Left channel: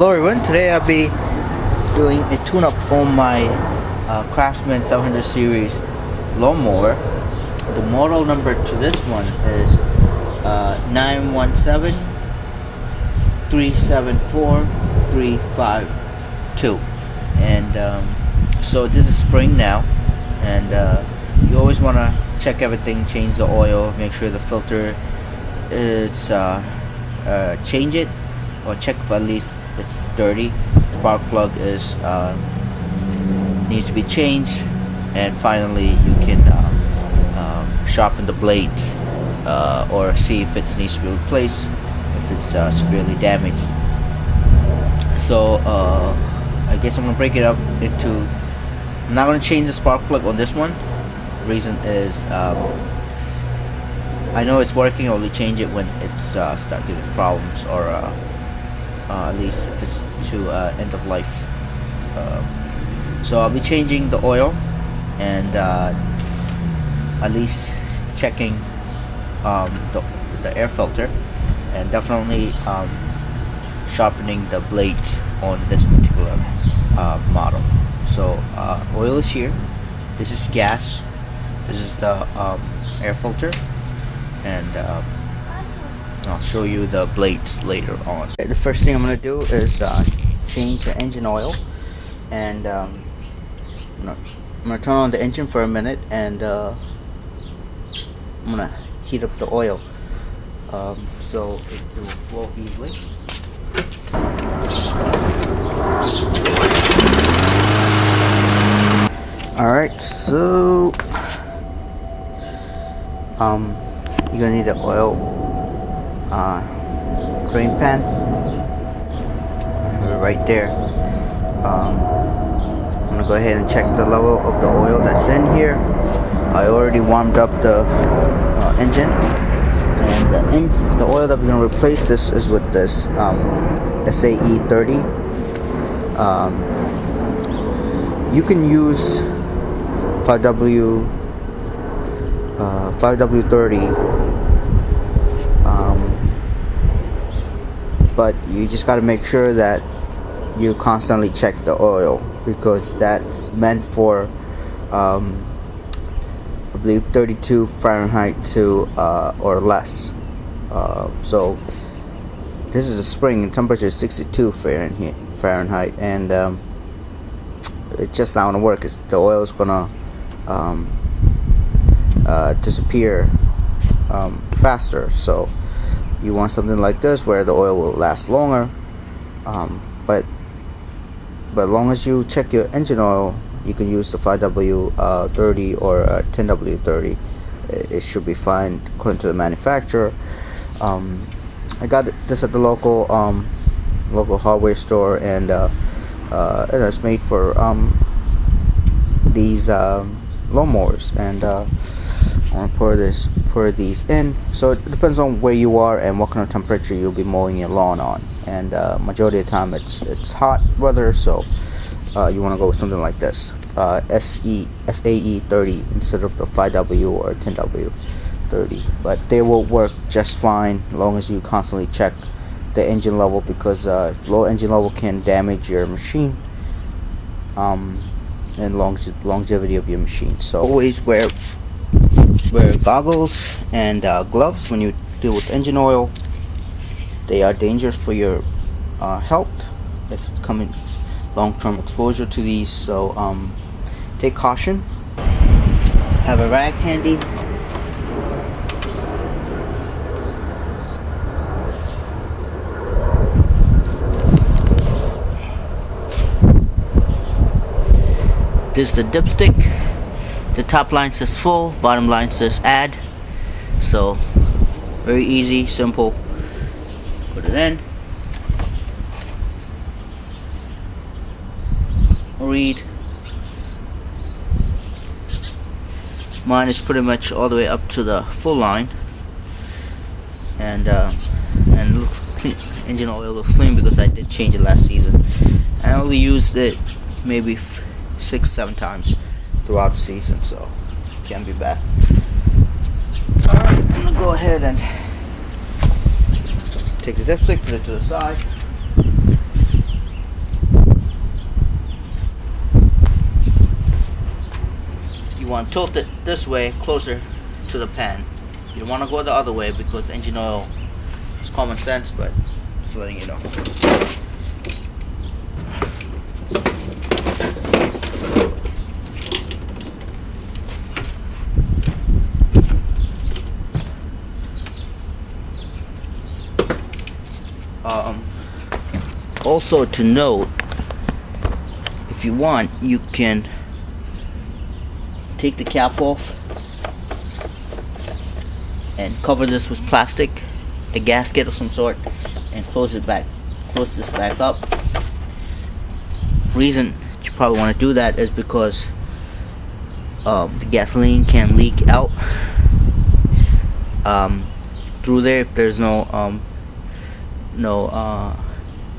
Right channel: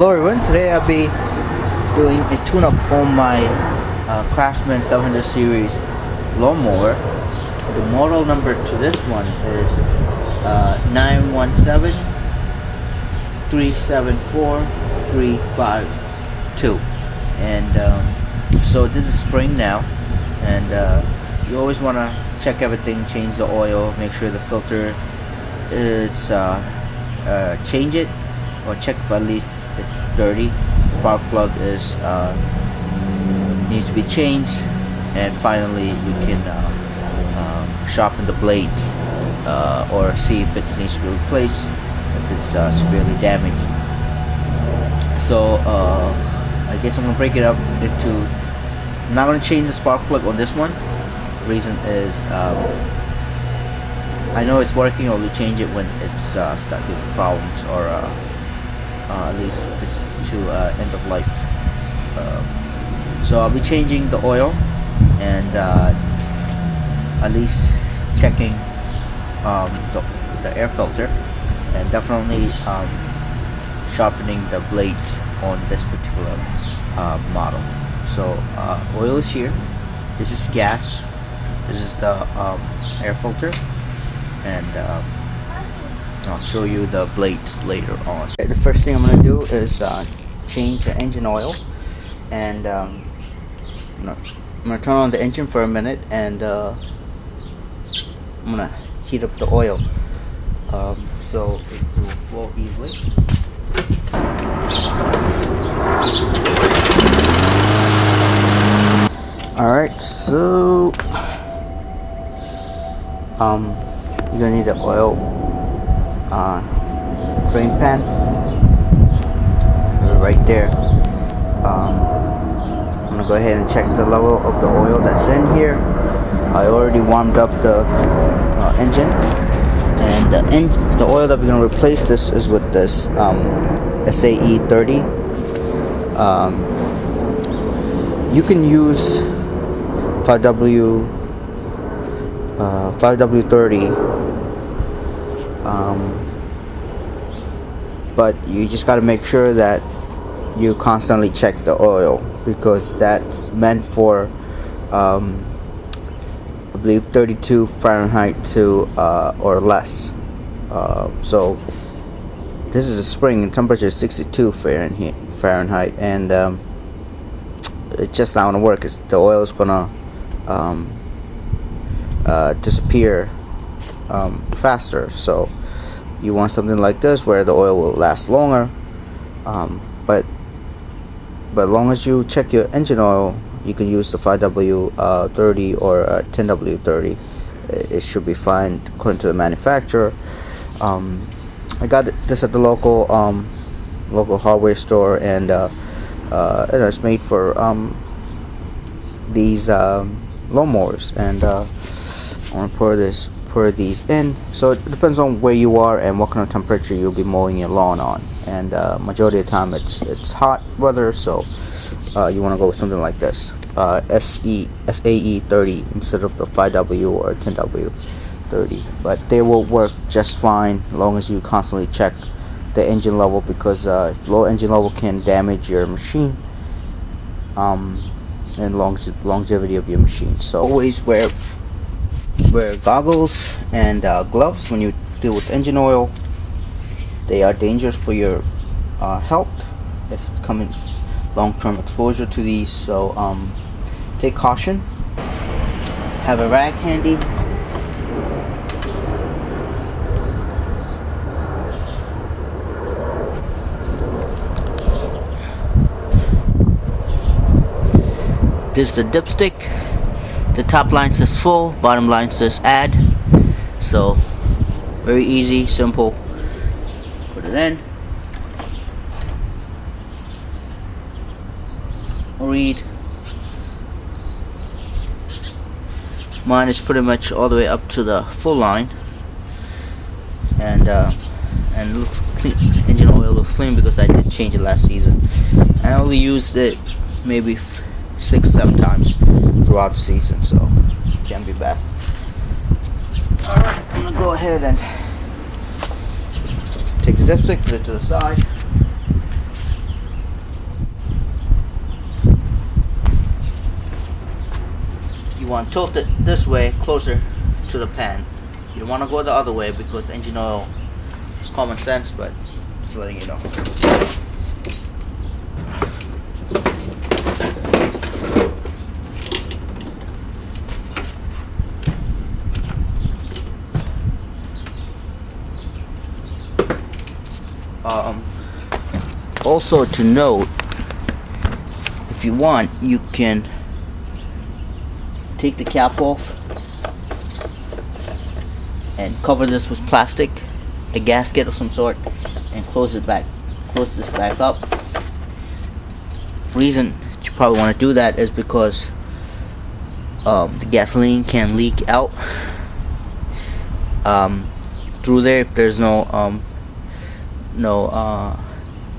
Hello everyone, today I'll be doing a tune-up on my Craftsman 700 series lawnmower. The model number to this one is 917-374-352, and so this is spring now, and you always want to check everything, change the oil, make sure the filter is change it, or check if at least it's dirty. Spark plug is needs to be changed, and finally you can sharpen the blades or see if it needs to be replaced if it's severely damaged. So I guess I'm gonna break it up into. I'm not gonna change the spark plug on this one. The reason is I know it's working. I'll only change it when it's start giving problems, or at least if it's to end of life. So I'll be changing the oil and at least checking the air filter, and definitely sharpening the blades on this particular model. So oil is here, this is gas, this is the air filter, and I'll show you the blades later on. The first thing I'm going to do is change the engine oil, and I'm going to turn on the engine for a minute, and I'm going to heat up the oil so it will flow easily. Alright, so you're going to need the oil drain pan right there. I'm gonna go ahead and check the level of the oil that's in here. I already warmed up the engine, and the oil that we're gonna replace this is with this SAE 30. You can use 5W30, but you just got to make sure that you constantly check the oil, because that's meant for I believe 32 Fahrenheit to or less. So this is a spring, and temperature is 62 Fahrenheit, and it's just not gonna work. The oil is gonna disappear faster. So you want something like this where the oil will last longer, but as long as you check your engine oil, you can use the 5W30 or 10W30. It should be fine according to the manufacturer. I got this at the local hardware store, and it's made for these lawnmowers, and I want to pour these in. So it depends on where you are and what kind of temperature you'll be mowing your lawn on, and majority of the time it's hot weather, so you want to go with something like this, SAE 30 instead of the 5W or 10W30. But they will work just fine as long as you constantly check the engine level, because low engine level can damage your machine and longevity of your machine. So always wear goggles and gloves when you deal with engine oil. They are dangerous for your health if coming long-term exposure to these. So take caution. Have a rag handy. This is the dipstick. The top line says full, bottom line says add. So very easy, simple. Put it in. Read. Mine is pretty much all the way up to the full line, and it looks clean. Engine oil looks clean because I did change it last season. I only used it maybe 6-7 times throughout the season, so it can't be bad. Alright, I'm gonna go ahead and take the dipstick, put it to the side. you want to tilt it this way closer to the pan. You don't want to go the other way because engine oil is common sense, but just letting you know. Also to note, if you want, you can take the cap off and cover this with plastic, a gasket of some sort, and close this back up. Reason you probably want to do that is because the gasoline can leak out through there if there's no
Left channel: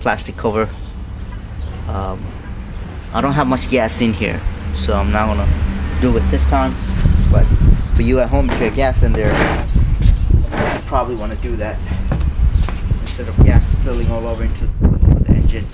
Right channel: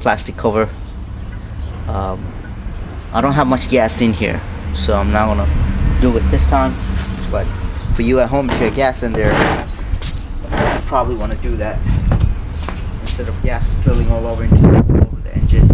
plastic cover. I don't have much gas in here, so I'm not gonna do it this time, but for you at home, if you have gas in there, you probably want to do that instead of gas spilling all over into the engine.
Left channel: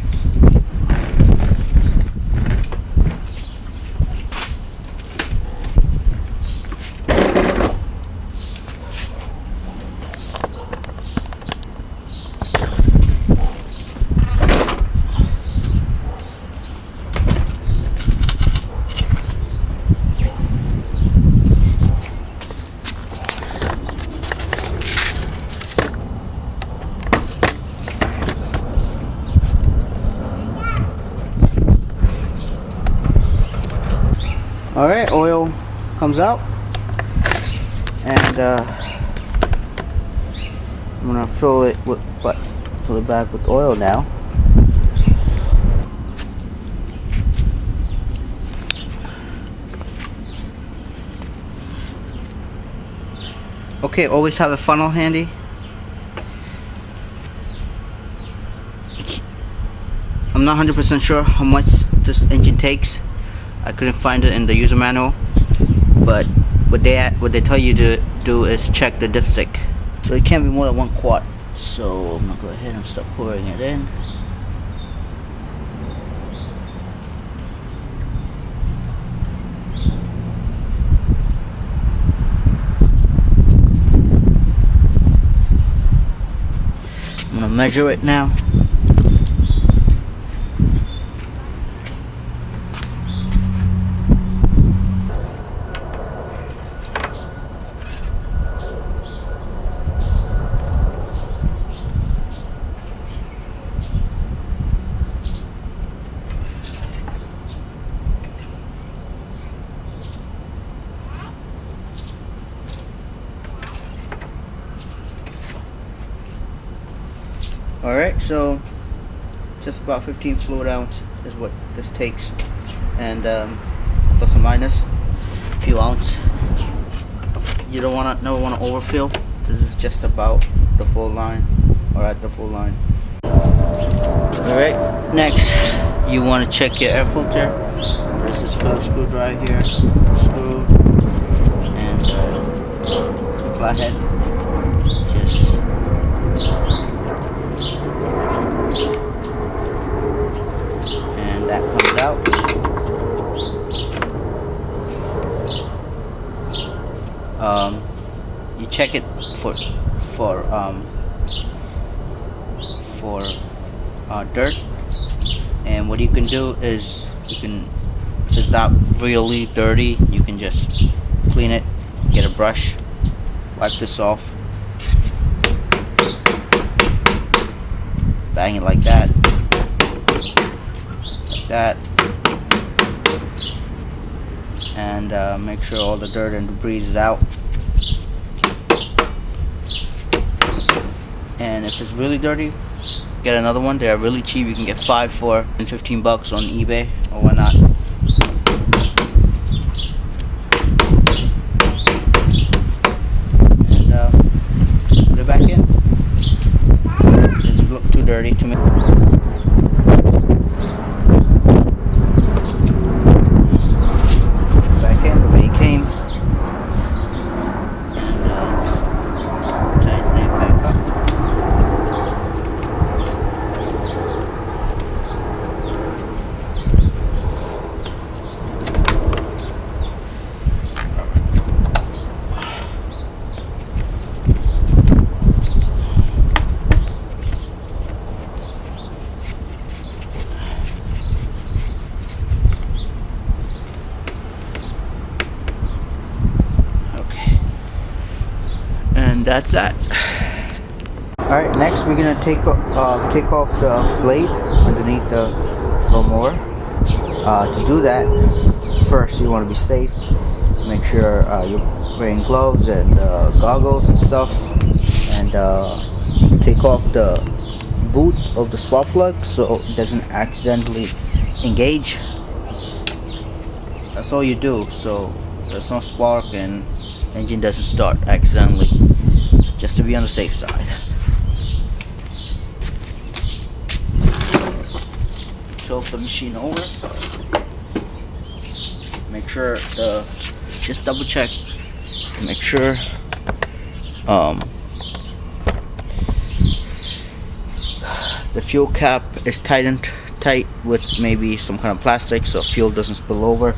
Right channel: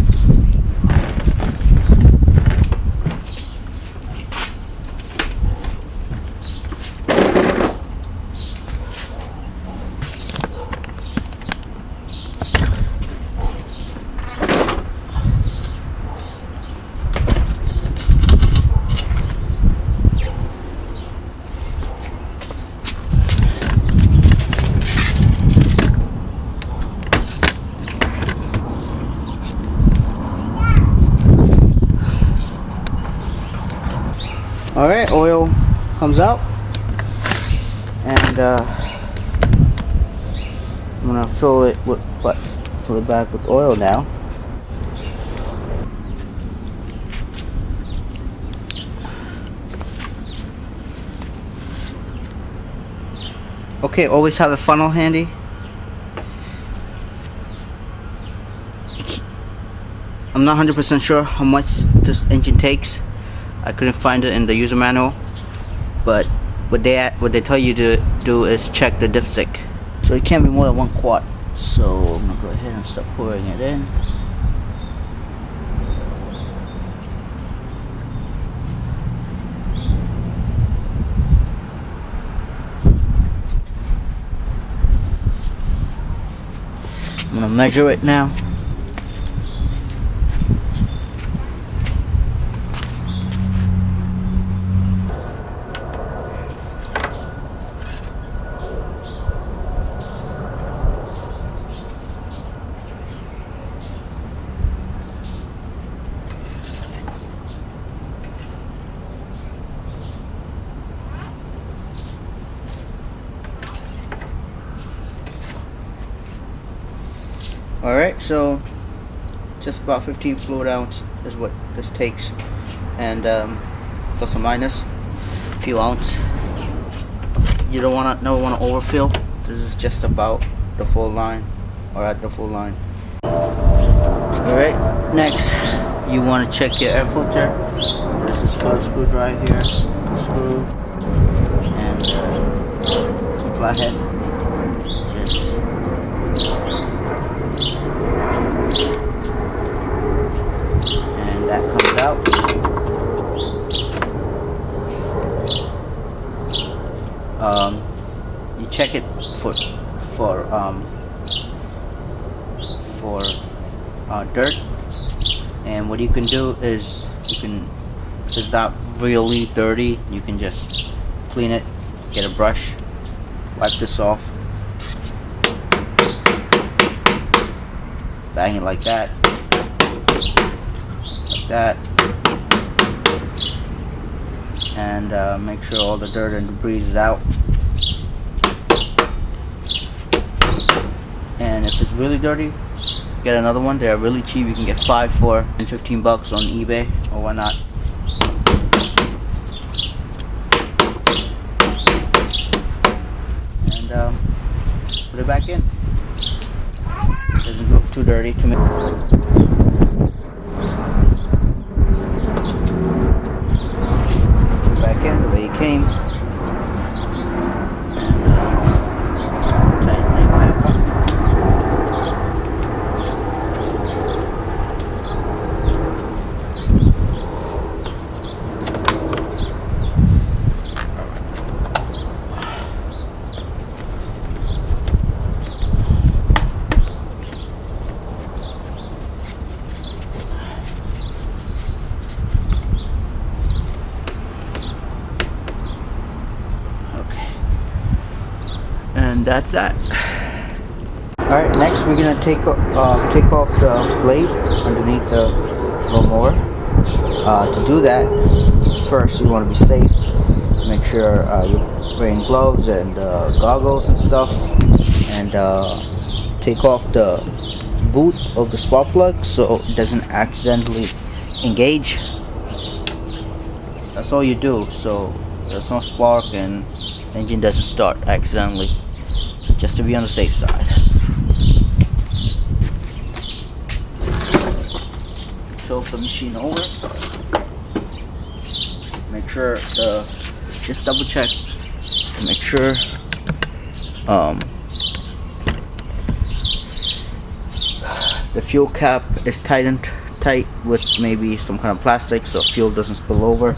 Alright, oil comes out, and I'm gonna fill it back with oil now. Okay, always have a funnel handy. I'm not 100% sure how much this engine takes. I couldn't find it in the user manual, but what they tell you to do is check the dipstick. So it can't be more than 1 quart. So I'm gonna go ahead and start pouring it in. I'm gonna measure it now. Alright, so just about 15 fluid ounce is what this takes, and plus or minus a few ounce. You don't want to never want to overfill. This is just about the full line, or at the full line. Alright, next you want to check your air filter. There's this Phillips screwdriver here, screw, and some flathead. Just and that comes out. You check it for dirt, and what you can do is if it's not really dirty, you can just clean it, get a brush, wipe this off, bang it like that, and make sure all the dirt and debris is out. And if it's really dirty, get another one. They are really cheap. You can get 5 for and $15 on eBay or whatnot. And put it back in. It doesn't look too dirty to me. Back in the way it came. And tighten it back up. And that's that. Alright, next we're gonna take off the blade underneath the lawnmower. To do that, first you want to be safe. Make sure you're wearing gloves and goggles and stuff, and take off the boot of the spark plug so it doesn't accidentally engage. That's all you do, so there's no spark and engine doesn't start accidentally, just to be on the safe side. Tilt the machine over. Make sure just double check to make sure the fuel cap is tight with maybe some kind of plastic so fuel doesn't spill over.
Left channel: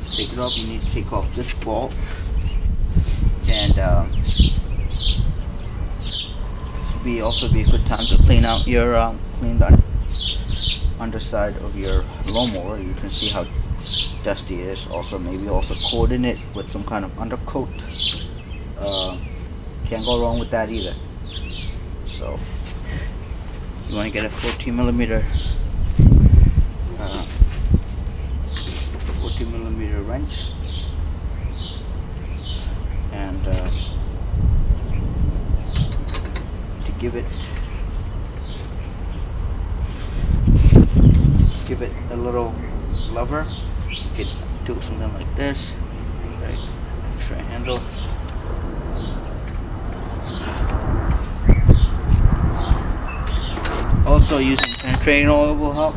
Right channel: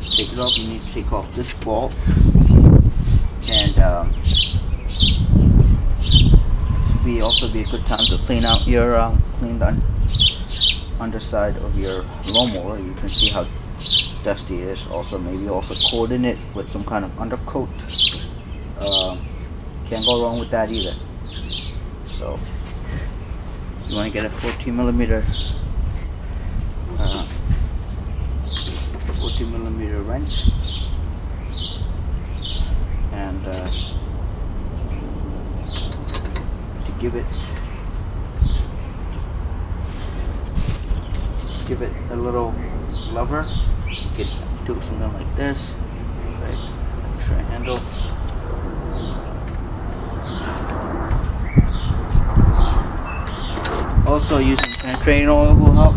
Take it off. You need to take off this bolt, and this would also be a good time to clean out your clean the underside of your lawnmower. You can see how dusty it is. Also, maybe also coating it with some kind of undercoat. Can't go wrong with that either. So you want to get a 14 millimeter wrench, and to give it a little lever, you could do something like this, right? Extra handle. Also, using penetrating oil will help.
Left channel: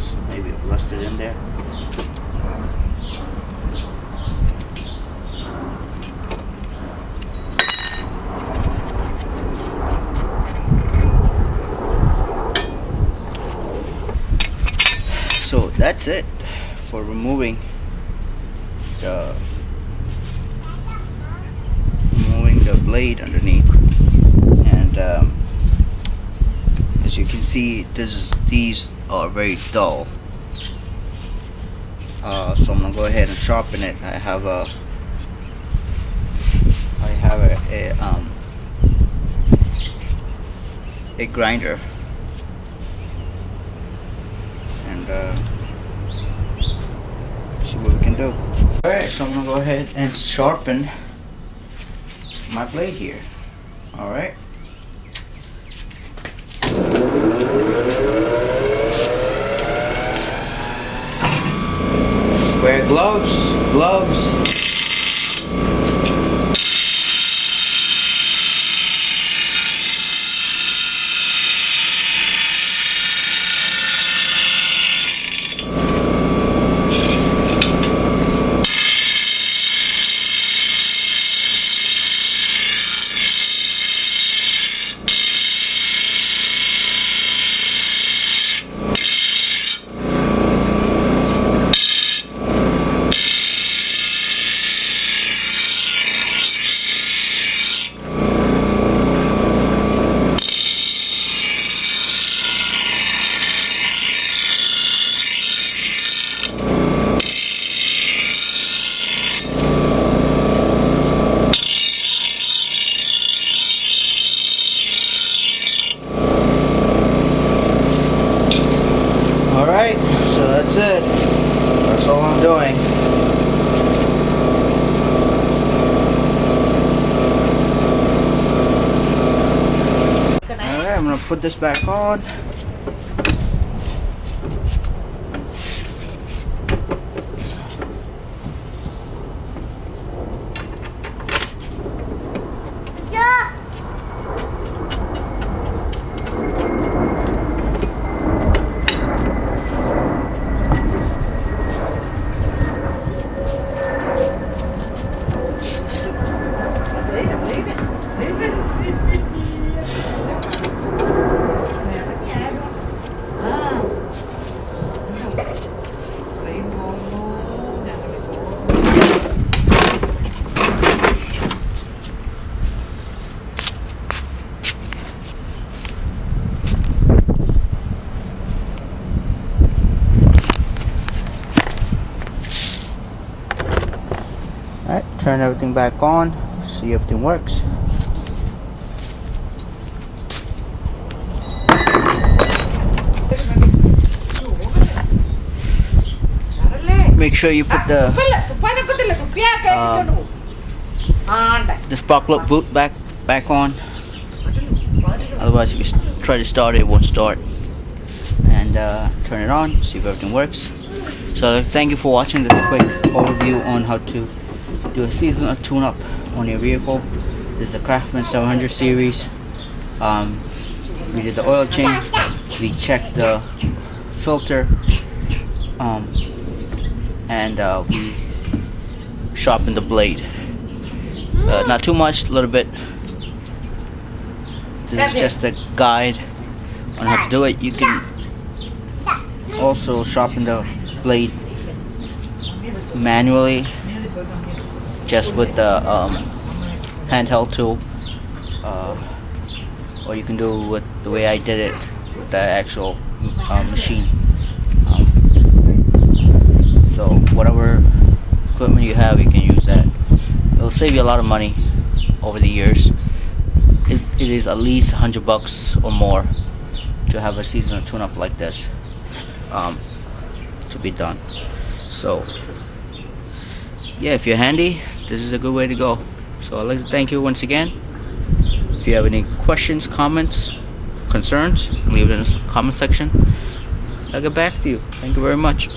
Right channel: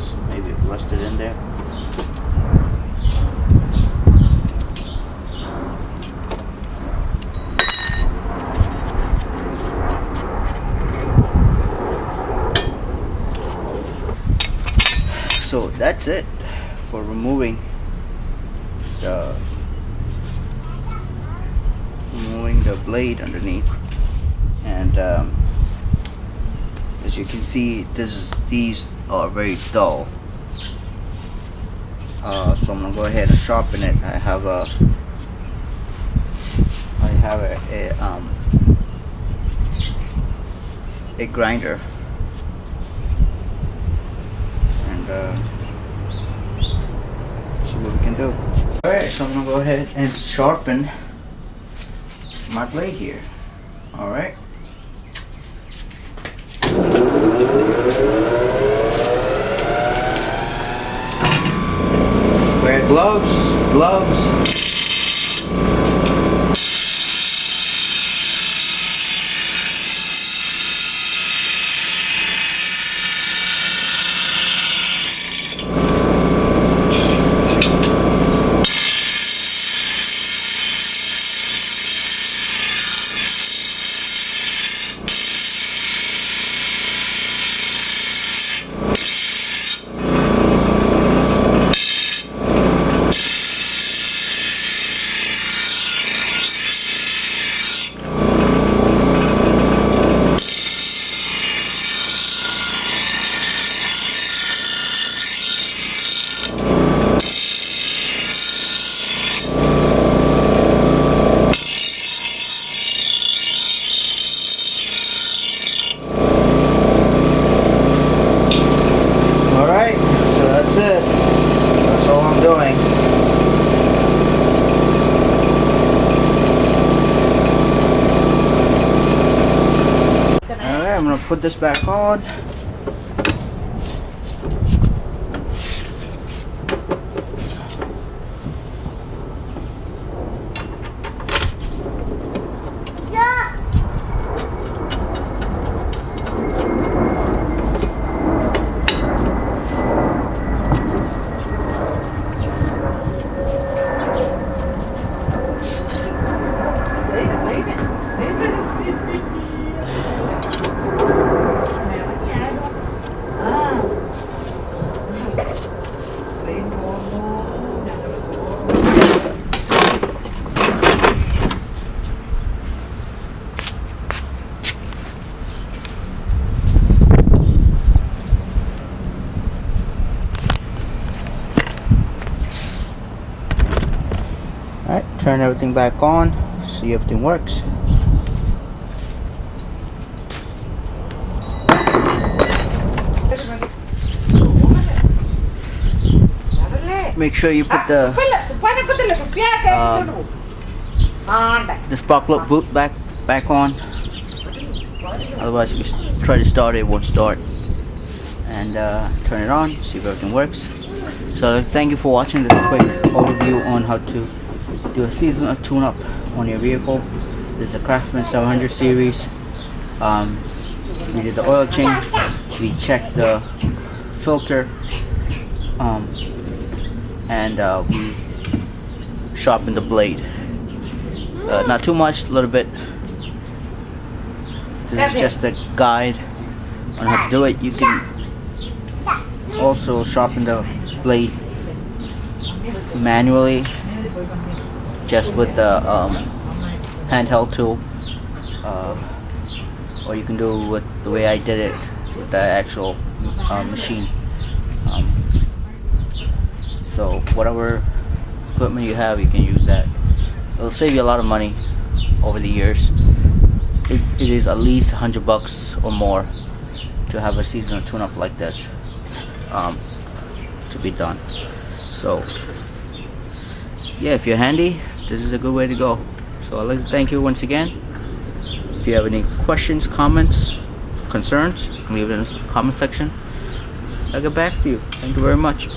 So maybe rust it in there. So that's it for removing the blade underneath, and as you can see, these are very dull. So I'm gonna go ahead and sharpen it. I have a grinder, and see what we can do. Alright, so I'm gonna go ahead and sharpen my blade here. Alright. Wear gloves. Alright, so that's it. That's all I'm doing. Alright, I'm gonna put this back on. turn everything back on, see if everything works. Make sure you put the spark plug boot back on. Otherwise, if you try to start it, it won't start. And turn it on, see if everything works. So thank you for watching this quick overview on how to do a seasonal tune-up on your vehicle. This is a Craftsman 700 series. We did the oil change, we checked the filter, and we sharpened the blade. Not too much, a little bit. This is just a guide on how to do it. You can also sharpen the blade manually, just with the handheld tool, or you can do it with the way I did it with the actual machine. So whatever equipment you have, you can use that. It'll save you a lot of money over the years. It is at least $100 or more to have a seasonal tune-up like this to be done. So yeah, if you're handy, this is a good way to go. So I'd like to thank you once again. If you have any questions, comments, concerns, leave it in the comment section. I'll get back to you. Thank you very much.